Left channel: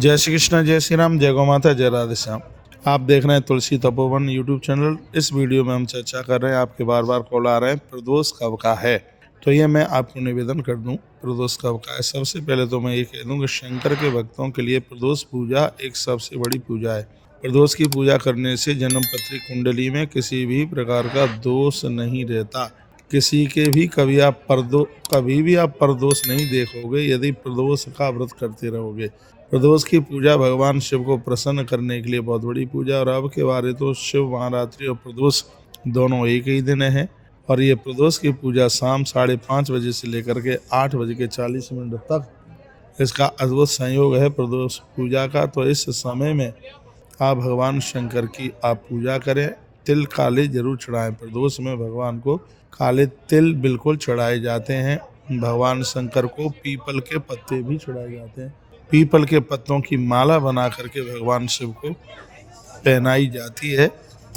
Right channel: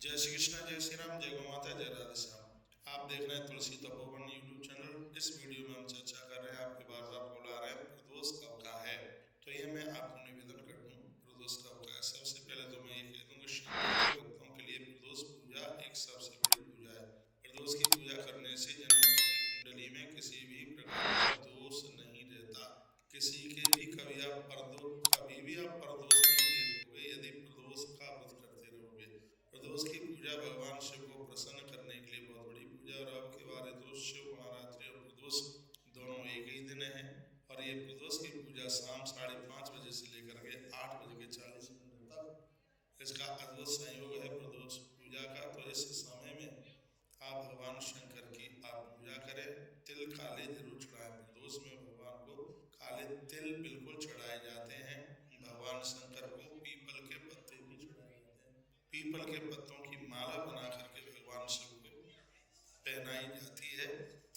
जय श्री कृष्ण, जय श्री राम, जय गौ माता, जय राधे श्याम। आप देख रहे हैं तुलसी तपोवन यूट्यूब चैनल। इस वीडियो में हम चर्चा कर रहे हैं, आपके बार बार कॉल आ रहे हैं, प्रदोष कब का है। तो ये मैं आपको निवेदन कर दूं, प्रदोष कब का है। सबसे पहले तो मैं ये कह दूं कि शंकर के भक्तों के लिए प्रदोष पूजा एक सबसे बड़ी पूजा है। प्रदोष की पूजा करने से जन्म पत्री कुंडली में किसी भी प्रकार का दोष नहीं रहता। किसी के भी कभी भी आप प्रदोष नहीं देखोगे यदि प्रदोष का व्रत करते रहोगे। प्रदोष की पूजा भगवान शिव को प्रसन्न करने के लिए बहुत बड़ी पूजा। और अब के बारे तो शिव महारात्रि और प्रदोष दोनों एक ही दिन है। और ये प्रदोष की पूजा शाम 5:30 बजे से लेकर के 8:40 तक इसका अद्भुत संयोग है प्रदोष पूजा का। तो इस समय में आप भगवान शंकर की आप पूजा करें। तिल काले जरूर चढ़ाएं। प्रदोष में भगवान को काले तिल बिल्कुल चढ़ाए जाते हैं। भगवान शंकर को पीपल के पत्ते भी चढ़ाए जाते हैं। पीपल के पत्तों की माला बना करके भगवान शिव को पहनाई जाती है।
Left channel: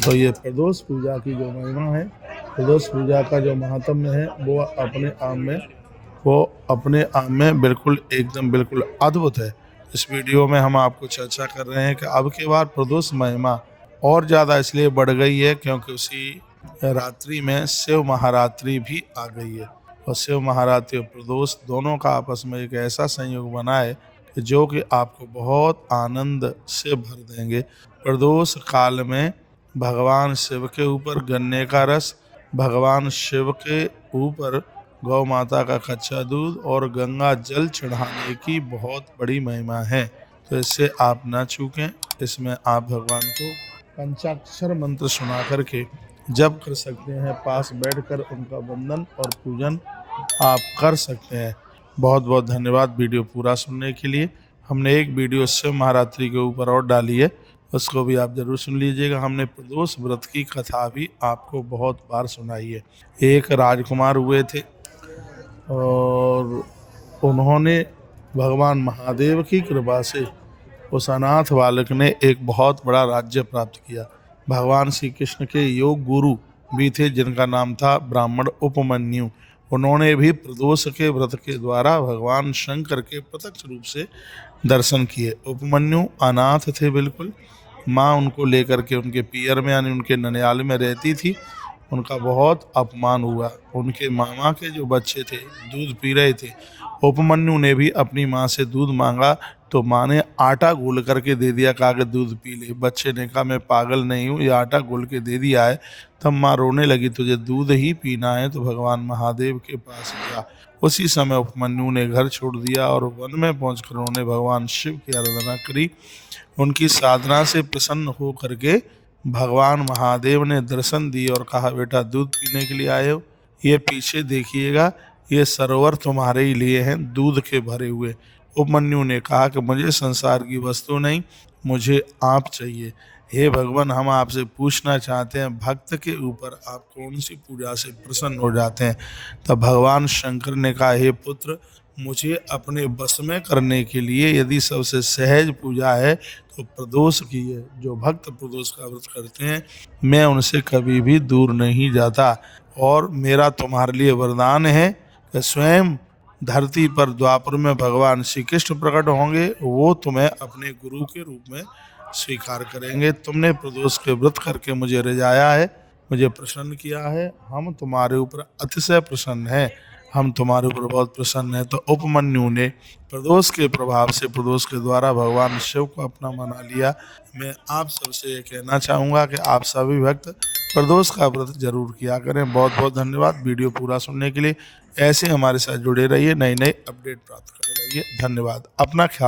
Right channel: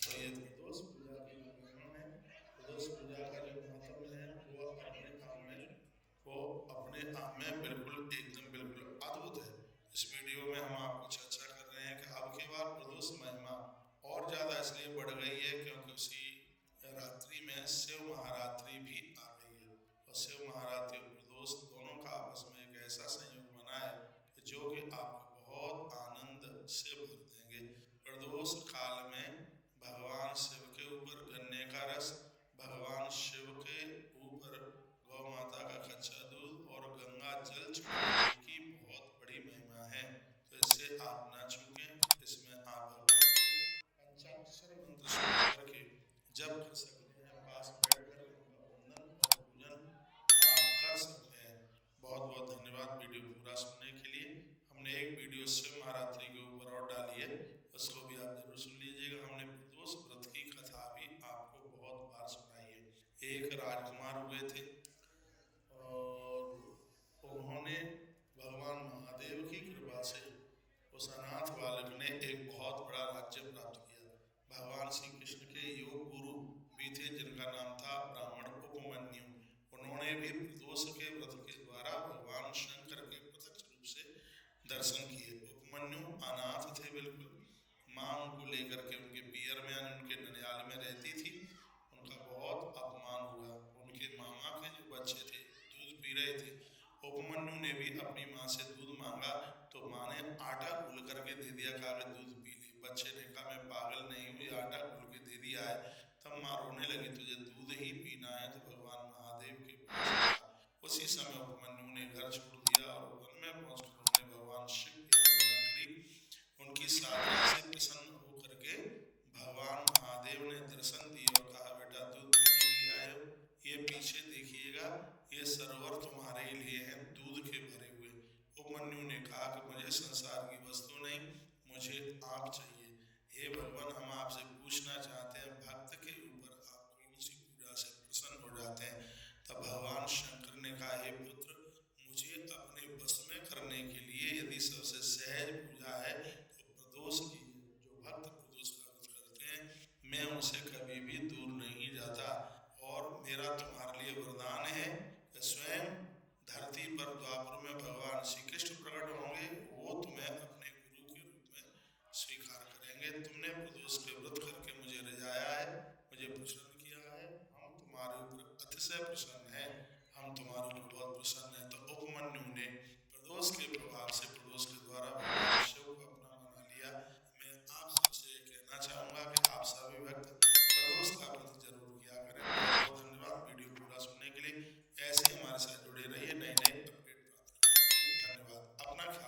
तो ये प्रदोष पूजा की जो महिमा है, प्रदोष पूजा का जो महात्म्य है, वो अपने आप में बिल्कुल अद्भुत है। इस वीडियो में हम आपको चर्चा कर रहे हैं कि अब के बाद प्रदोष महिमा और ज़्यादा इसलिए बढ़ गई है क्योंकि उसी रात्रि में शिव महारात्रि भी आ गई है। और शिव महारात्रि और प्रदोष दोनों का आपस में एक ऐसा संयोग बना है कि जो कि आपको बहुत आनंद से भर देंगे। प्रदोष काल में भगवान शिव के ऊपर गन्ने का रस, भगवान शिव के ऊपर गौ माता का कच्चा दूध और गंगा जल चढ़ाने की बहुत बड़ी महिमा है। तो इससे आप ना चूकें। इसमें आप भगवान को पंचाक्षर मंत्र सुना करके जप कर सकते हैं। पास बैठकर उनका वंदन और पूजन आप कर सकते हैं। बहुत बहुत धन्यवाद वीडियो पूरा सुनने के लिए। हमने एक वीडियो शिव महारात्रि के ऊपर और डाली है, उसको भी आप जरूर सुन लीजिएगा। हमने प्रदोष व्रत की कथा भी आपको बहुत बार सुनाई है। एक राजकुमार हुए थे और उन्होंने भगवान महादेव की कृपा से उस अनाथ बालक ने एक बहुत बड़ा राज्य प्राप्त किया। भगवान श्री कृष्ण के योग गुरु भी थे जिनका नाम था ब्राह्मण उपमन्यु। उन्होंने भी प्रदोष के व्रत के द्वारा भगवान शंकर के प्रत्यक्ष रूप से दर्शन किए। उपमन्यु अनाथ थे बिल्कुल। माँ उनको लेकर के उनके पियर में यानी उनके ननिहाल में रहती थी। उनका बहुत अपमान हुआ। उनके मामा के जो बच्चे थे दूध पी रहे थे। उपमन्यु ने भी अपनी माँ से दूध मांगा तो माँ ने आटा घोल करके दे दिया, कहा कि दूध पी ले। बच्चे ने कहा मैं पागल नहीं हूँ, ये आटा घोल के दे दिया है। तब माँ रोने लगी, तुझे दूध ही पीना है तो भगवान महादेव के पास जा। उसी समय उपमन्यु ने घर छोड़ दिया और वन में पहुंचकर उन्होंने भगवान शिव की आराधना करी। उनकी साधना से प्रसन्न हो करके भगवान महादेव ने दर्शन दिए और कहा, बेटा दूध पीने के लिए आए हो, ये पीछे देखिएगा, ये सरोवर तुम्हारे ही लिए हैं दूध के भरे हुए। उपमन्यु ने कहा कि मुझे संसार की वस्तु नहीं, मुझे आप चाहिए। हे भगवान, हम आपसे पूछना चाहते हैं भक्त के ऊपर आप कौन सी पूजा से प्रसन्न हो जाते हैं। तब भगवान शंकर ने कहा, हे पुत्र, मुझे अपने बस में करने के लिए यदि सबसे सहज पूजा है तो प्रदोष की है। जो भक्त प्रदोष का व्रत करते हैं मैं उनसे कभी भी दूर नहीं जाता। और मेरा तुम्हारे लिए वरदान है कि स्वयं धरती पर द्वापर में भगवान श्री कृष्ण प्रकट होंगे, वो तुम्हें अपने गुरु के रूप में स्वीकार करेंगे। तुमने प्रदोष के व्रत करके मुझे रिझाया है, मुझे प्रसन्न किया है। हम तुम्हारे ऊपर अतिशय प्रसन्न हैं, हम तुम्हारे ऊपर बहुत प्रसन्न हैं। तो उपमन्यु ने प्रदोष के प्रभाव से, प्रदोष के द्वारा भगवान शिव को अपना मना लिया। मैं आप सबसे ये कहना चाहूँगा कि आप सभी भक्त प्रदोष का व्रत जरूर किया करें। बहुत बहुत धन्यवाद वीडियो पूरा सुनने के लिए। ऐसे हमारे साथ जुड़े रहिए, नई नई अपडेट प्राप्त करते रहिए। धन्यवाद। अपना ख्याल रखिए।